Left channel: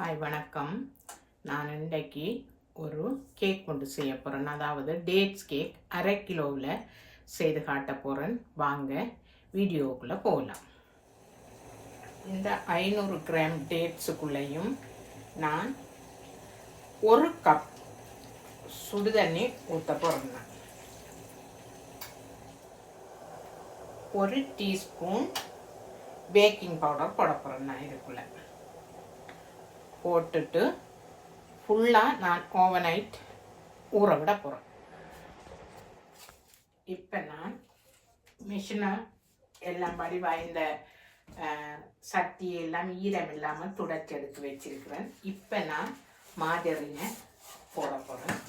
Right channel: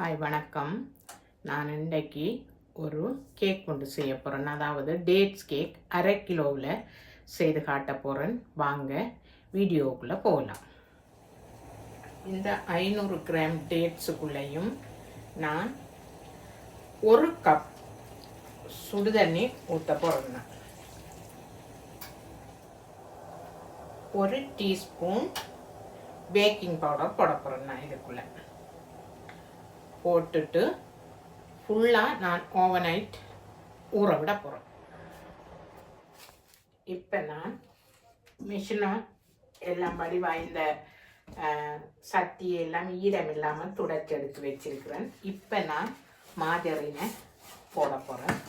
Hi வணக்கம். நான் இன்றைக்கு ஒரு கேக் கொண்டு செய்ய போகிறேன். அதாவது டேட்ஸ் கேக் 1/2 கிலோவில் செய்து காட்ட போகிறேன். வாங்க வீடியோவுக்குள்ளே போகலாம். இந்த 500 கிராம் டேட்ஸுக்குள்ளேயும் நான் 1 கப் சுடுதண்ணி ஊற்ற போகிறேன். 1 டீஸ்பூன் பேக்கிங் பவுடர் போட போகிறேன். நான் இதுக்குள்ளே போட்டுட்டு ஃபுல்லாக நான் ஓவர்நைட் ஊற விட போகிறேன். இப்போ நான் மிஷினை எல்லாம் வடிவாக இந்த சட்டி எல்லாம் ஈரம் இல்லாமல் துடைச்சி எடுத்து வச்சிருக்கிறேன். இப்போ நான் மாஜரினை போட போகிறேன்.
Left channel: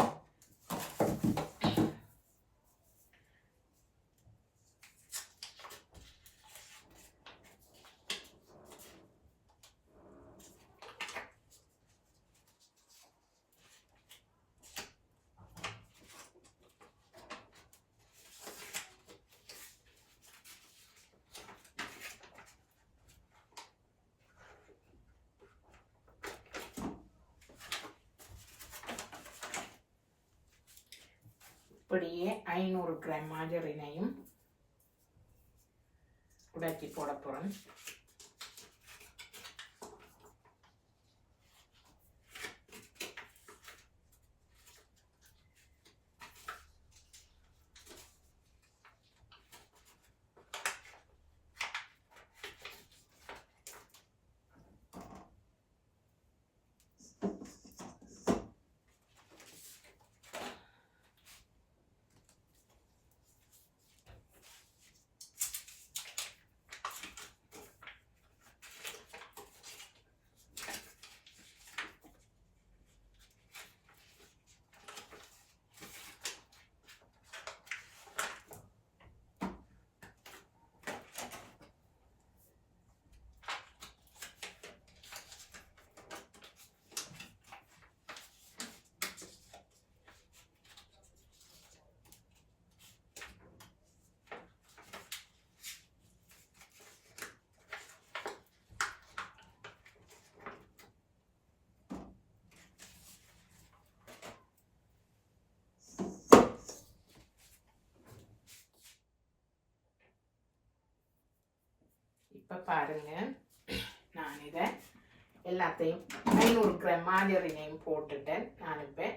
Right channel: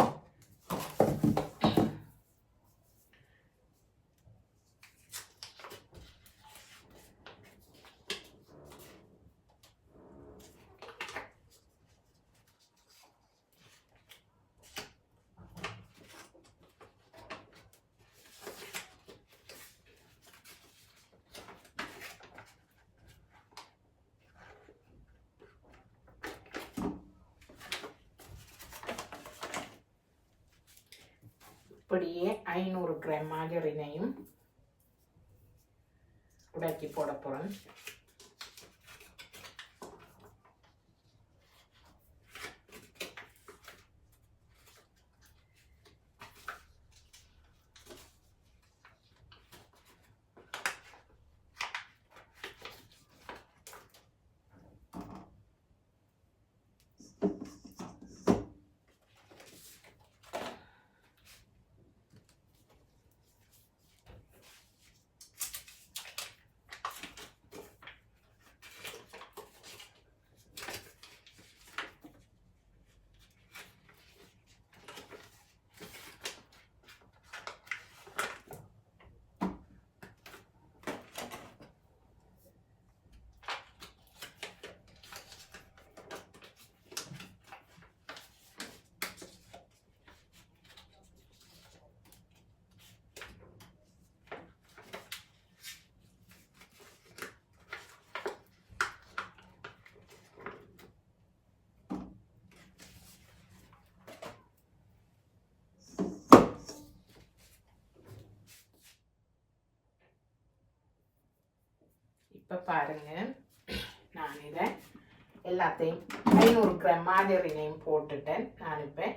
இப்படியே 500 கிராம் மாஜரினையும் உடைச்சி போட போகிறேன். இப்போ பாருங்க, நான் இதை எல்லாத்தையும் 500 கிராம் மாஜரினையும் போட்டுட்டேன். நான் இப்போ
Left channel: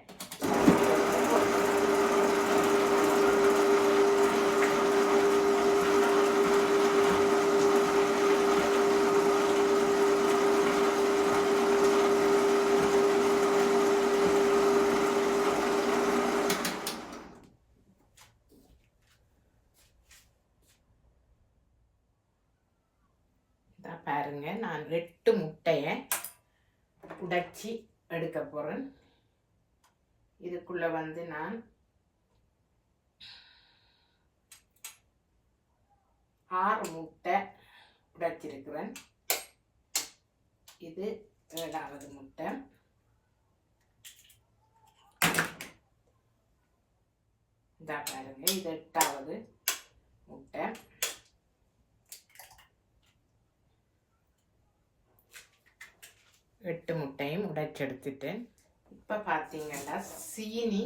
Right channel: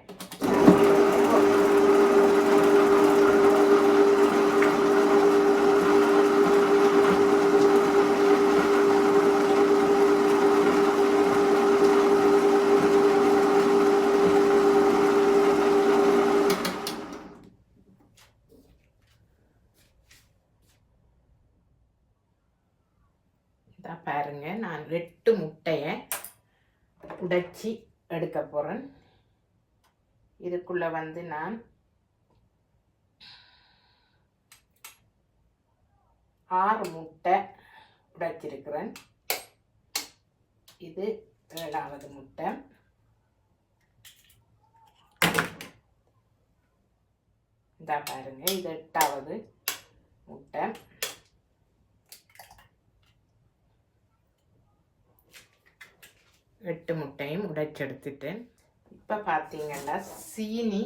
பாருங்க, நான் 8 முட்டையை உடைச்சி எடுக்க போகிறேன். இதுக்குள்ள வந்து நான் 6 முட்டை உடைச்சிருக்கிறேன். இது 7வது முட்டை. இந்த பாருங்க, இது 8வது முட்டை. எட்டு முட்டையும் உடைச்செடுத்துட்டேன். இப்போ பார்த்தீங்கன்னா சீனி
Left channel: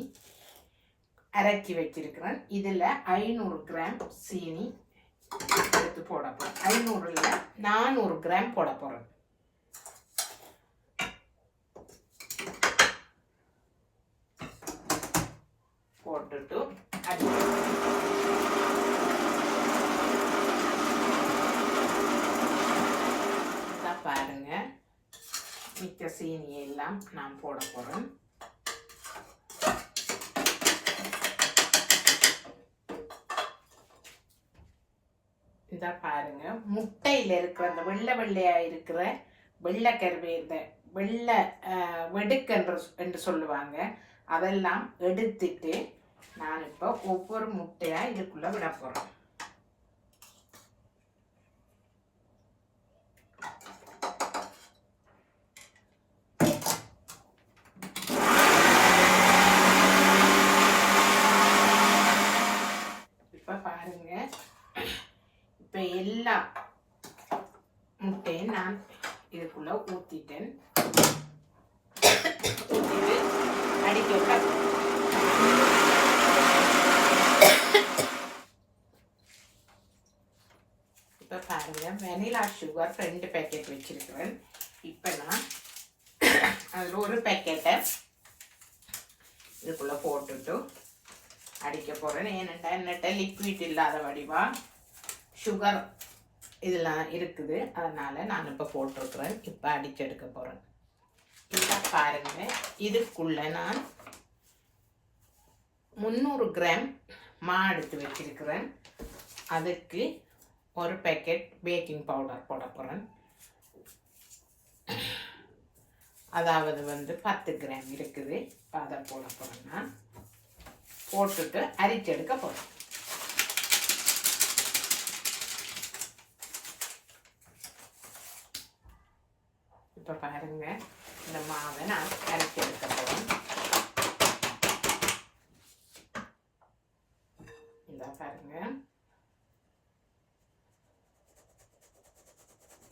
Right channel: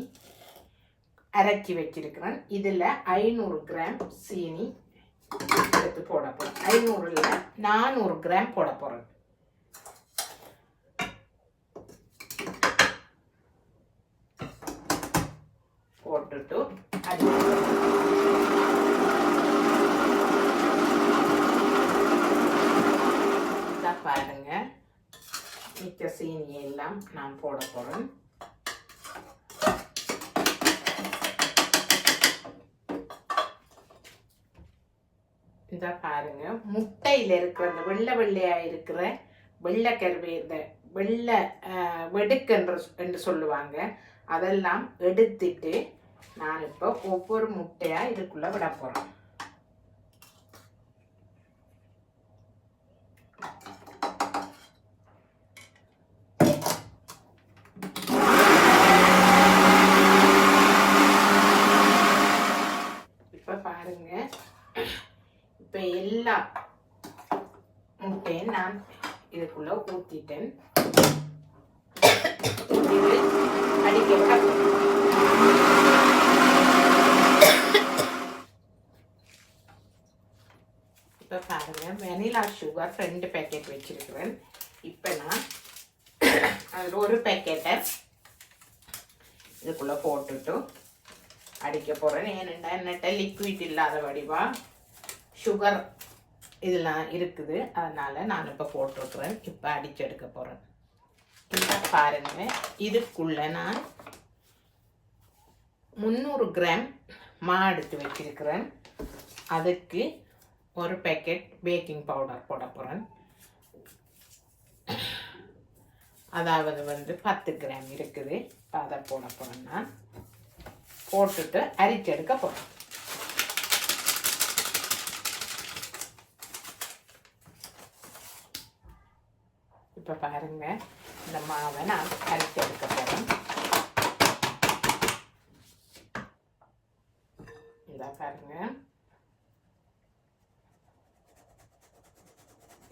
அரைச்சி வச்சிருக்கிறேன். இதில் 500 கிராம் சீனி எடுத்து போட போகிறேன். 500ல் 400 கிராம் போட போகிறேன். போட்டுட்டு பாருங்க, மிச்ச சீனி எல்லாம் நான் போட போகிறேன். இதை பாருங்க, முட்டையில் இருக்கிற அந்த வெள்ளையாக இருக்கிற வெள்ளைக்கருவே, இந்த வெள்ளை வெடுக்கு என்று சொல்லுவாங்க, அதெல்லாம் எடுத்துட்டு நான் இப்போ ஒவ்வொரு முட்டையாக இதுக்குள்ளே விட போகிறேன். இப்போ எல்லா முட்டையும் நான் இதுக்குள்ள ஊற்றிட்டேன். இது அடிக்க இப்போ பாருங்கள் வெனிலா சுகர் 2 பேக்கெட் வச்சுருக்கிறேன். இப்போ நான் அதில் ஒரு பேக்கெட்டை இதுக்குள்ளே போட்டுட்டு அடிக்க போகிறேன். ஏனெண்டா என்னட்ட லிக்விட் இல்லாத வடிவா சுகர் இதெல்லாம் இருக்குது, அதனால் நான் இப்போ போட்டிருக்கிறேன். இப்போ அடிச்சு எடுக்க போகிறேன். இப்போ பாருங்கள், இதுக்குள்ளே நான் 300 கிராம் மா எடுத்து வச்சிருக்கிறேன். அதுக்கு ஒரு பேக்கெட் பேக்கிங் பவுடர் போட போகிறேன். அதாவது 10 கிராம் இருக்குது. இப்போ அதை போட போகிறேன். நான் போட்டுட்டு அரிச்சு எடுக்க போகிறேன். இப்போ பாருங்க, இந்த மாவை நான் அரைச்சி எடுக்க போகிறேன். இதை பாருங்க,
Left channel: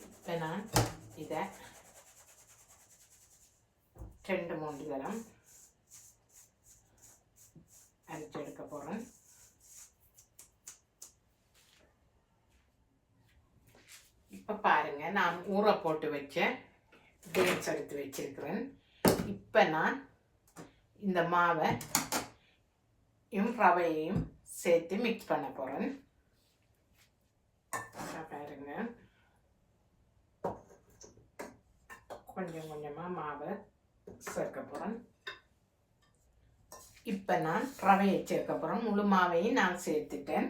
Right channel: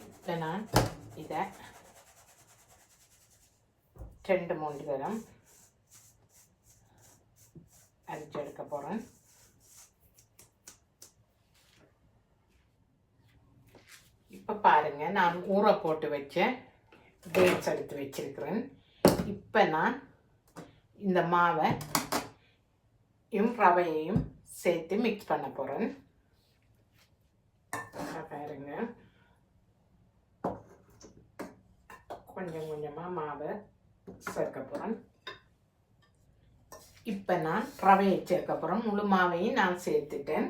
இப்போ நான் இதை 2-3 தரம் அரைச்சி எடுக்க போகிறேன். இப்போ பாருங்க, நான் ஊற போட்டு வச்ச டேட்ஸ் எடுத்து வச்சிருக்கிறேன். இப்போ நான் இந்த மாவை ரவையையும் சேர்த்து மிக்ஸ் பண்ண போகிறேன். பாருங்க, கொஞ்சம் கொஞ்சமாக மாவை சேர்க்க போகிறேன். இப்போ நான் ரவையை சேர்க்க போகிறேன். முழு மாவையும் நான் சேர்த்துட்டேன்.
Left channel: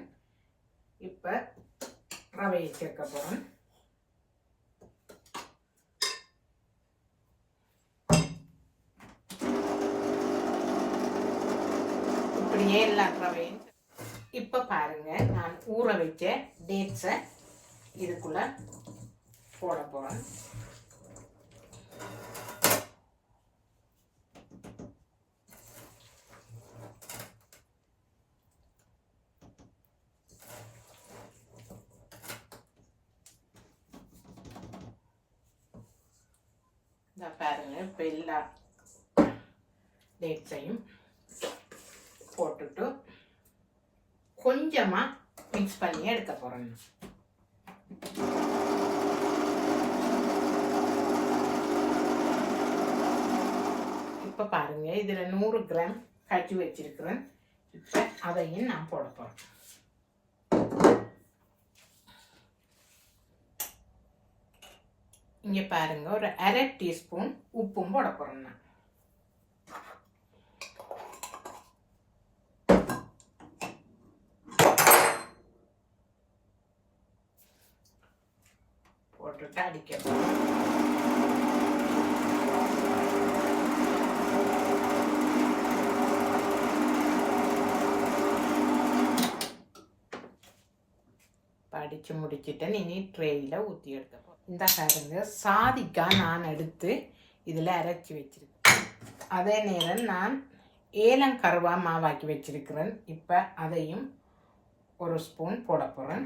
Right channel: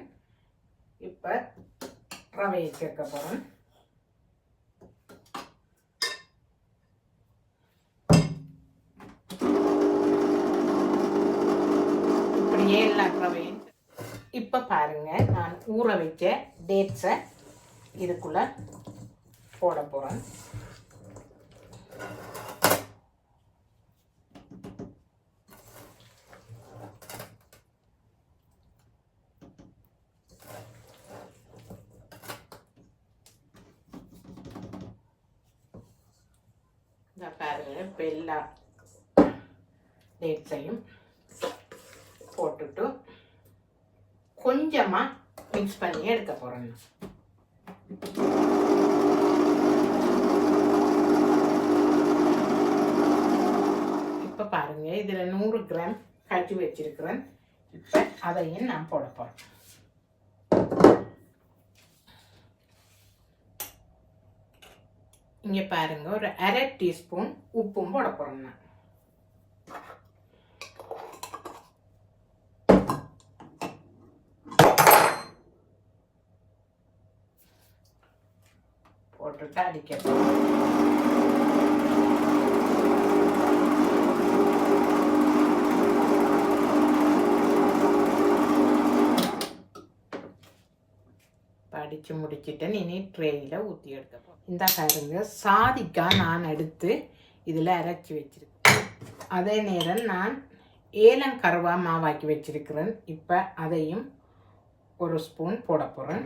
இப்போ ரவையை சேர்க்க போகிறேன். இப்படியே எல்லா ரவையும். இப்போ பாருங்க, நான் ஊற வச்ச டேட்ஸை இதுக்குள்ள போட போகிறேன். இந்த பாருங்க, இப்போ எல்லா டேட்ஸையும் போட்டுட்டு கொஞ்சமாக மிக்ஸ் பண்ணி எடுக்க போகிறேன். இப்போ பாருங்க, இதில் 100 கிராம் காய்ச்சி வச்சிருக்கிறேன். இப்போ அதையும் நான் போட போகிறேன். இங்கே பாருங்க, ஒரு 1/2 டீஸ்பூன் உப்பும் போட போகிறேன். நான் போட்டுட்டு அடிக்கணும். அடித்து முடிச்சுட்டு இனி ட்ரேயில் ஊற்றி எடுக்க போகிறேன். இந்த பாருங்க, சாதிக்காய் நான் எடுத்து இதில் அரைச்சி வச்சிருக்கேன். அதே நேரம் நான் ஏலங்கருவா மாவாக்கி வச்சிருக்கிறேன். இப்போ அதையும் ஒரு ஸ்பூன் போட போகிறேன்.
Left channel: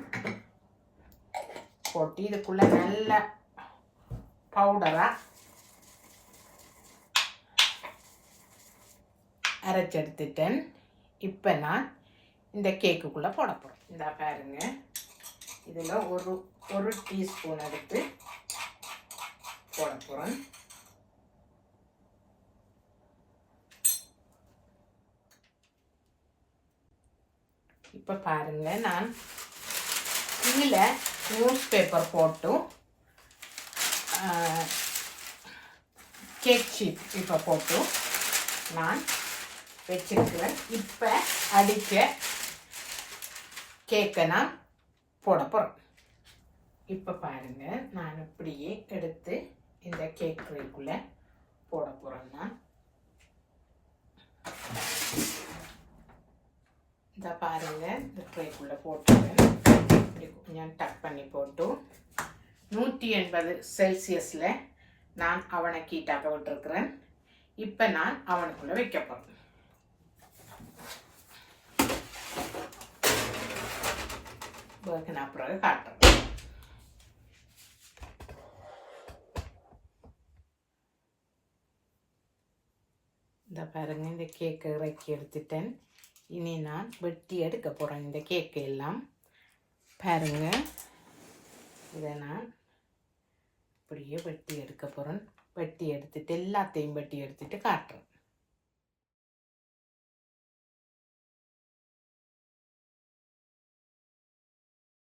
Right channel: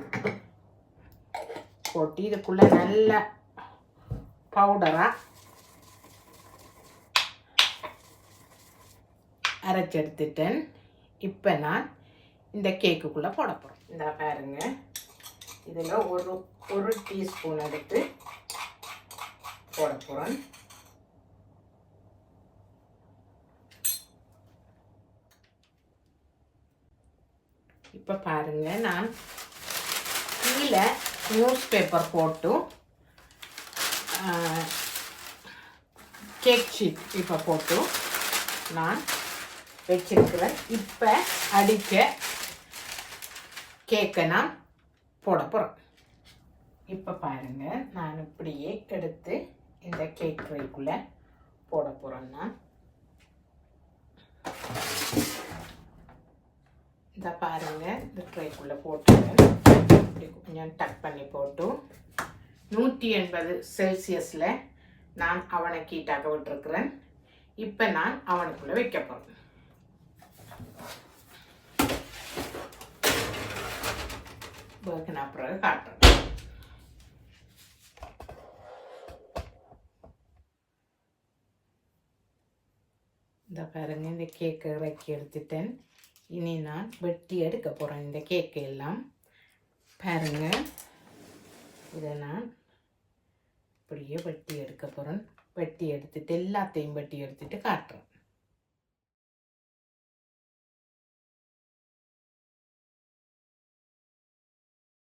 போட்டு இதுக்குள்ளே நல்ல பவுடராக அரைச்சி எடுத்துட்டேன். இப்போ நான் இந்த கேக்குக்குள்ளே போட போகிறேன். இந்த பாருங்க, இதில் ஒரு டீஸ்பூன் எடுத்து போட போகிறேன். இப்போ பாருங்க, நான் கீழே நியூஸ் பேப்பர் போட்டு கேக் ஷீட் இப்போ போட்டு நான் வச்சிருக்கிறேன். இப்போ அடிக்க கேக்கை நான் போட போகிறேன். இப்போ பாருங்க, நான் இப்படியே எடுத்து இந்த கேக் ட்ரேக்குள்ளே போட போகிறேன். நான் இந்த பாருங்க, இந்த ட்ரேக்குள்ளே போட்டுருவேன். இப்படி கொஞ்சம் டக் பண்ணி போட்டு 180 செல்சியஸில் நான் அவனை ஹீட்டாக விட்டுருக்கிறேன். இப்போ நான் அவனுக்குள்ளே வைக்க போகிறேன். நான் பிறகு காட்டுறேன். இந்த பாருங்க, இந்த கேக்கை இறக்கி எடுத்துட்டேன். இனி நான் வெட்டி எடுக்க போகிறேன் இந்த கேக்கை எல்லாம். பாருங்க, இதை நான் இப்படியே வெட்டி எடுக்க போகிறேன். வெட்டி எடுத்துட்டு எல்லாத்தையும் வெட்டி எடுத்துட்டு காட்டுறேன்.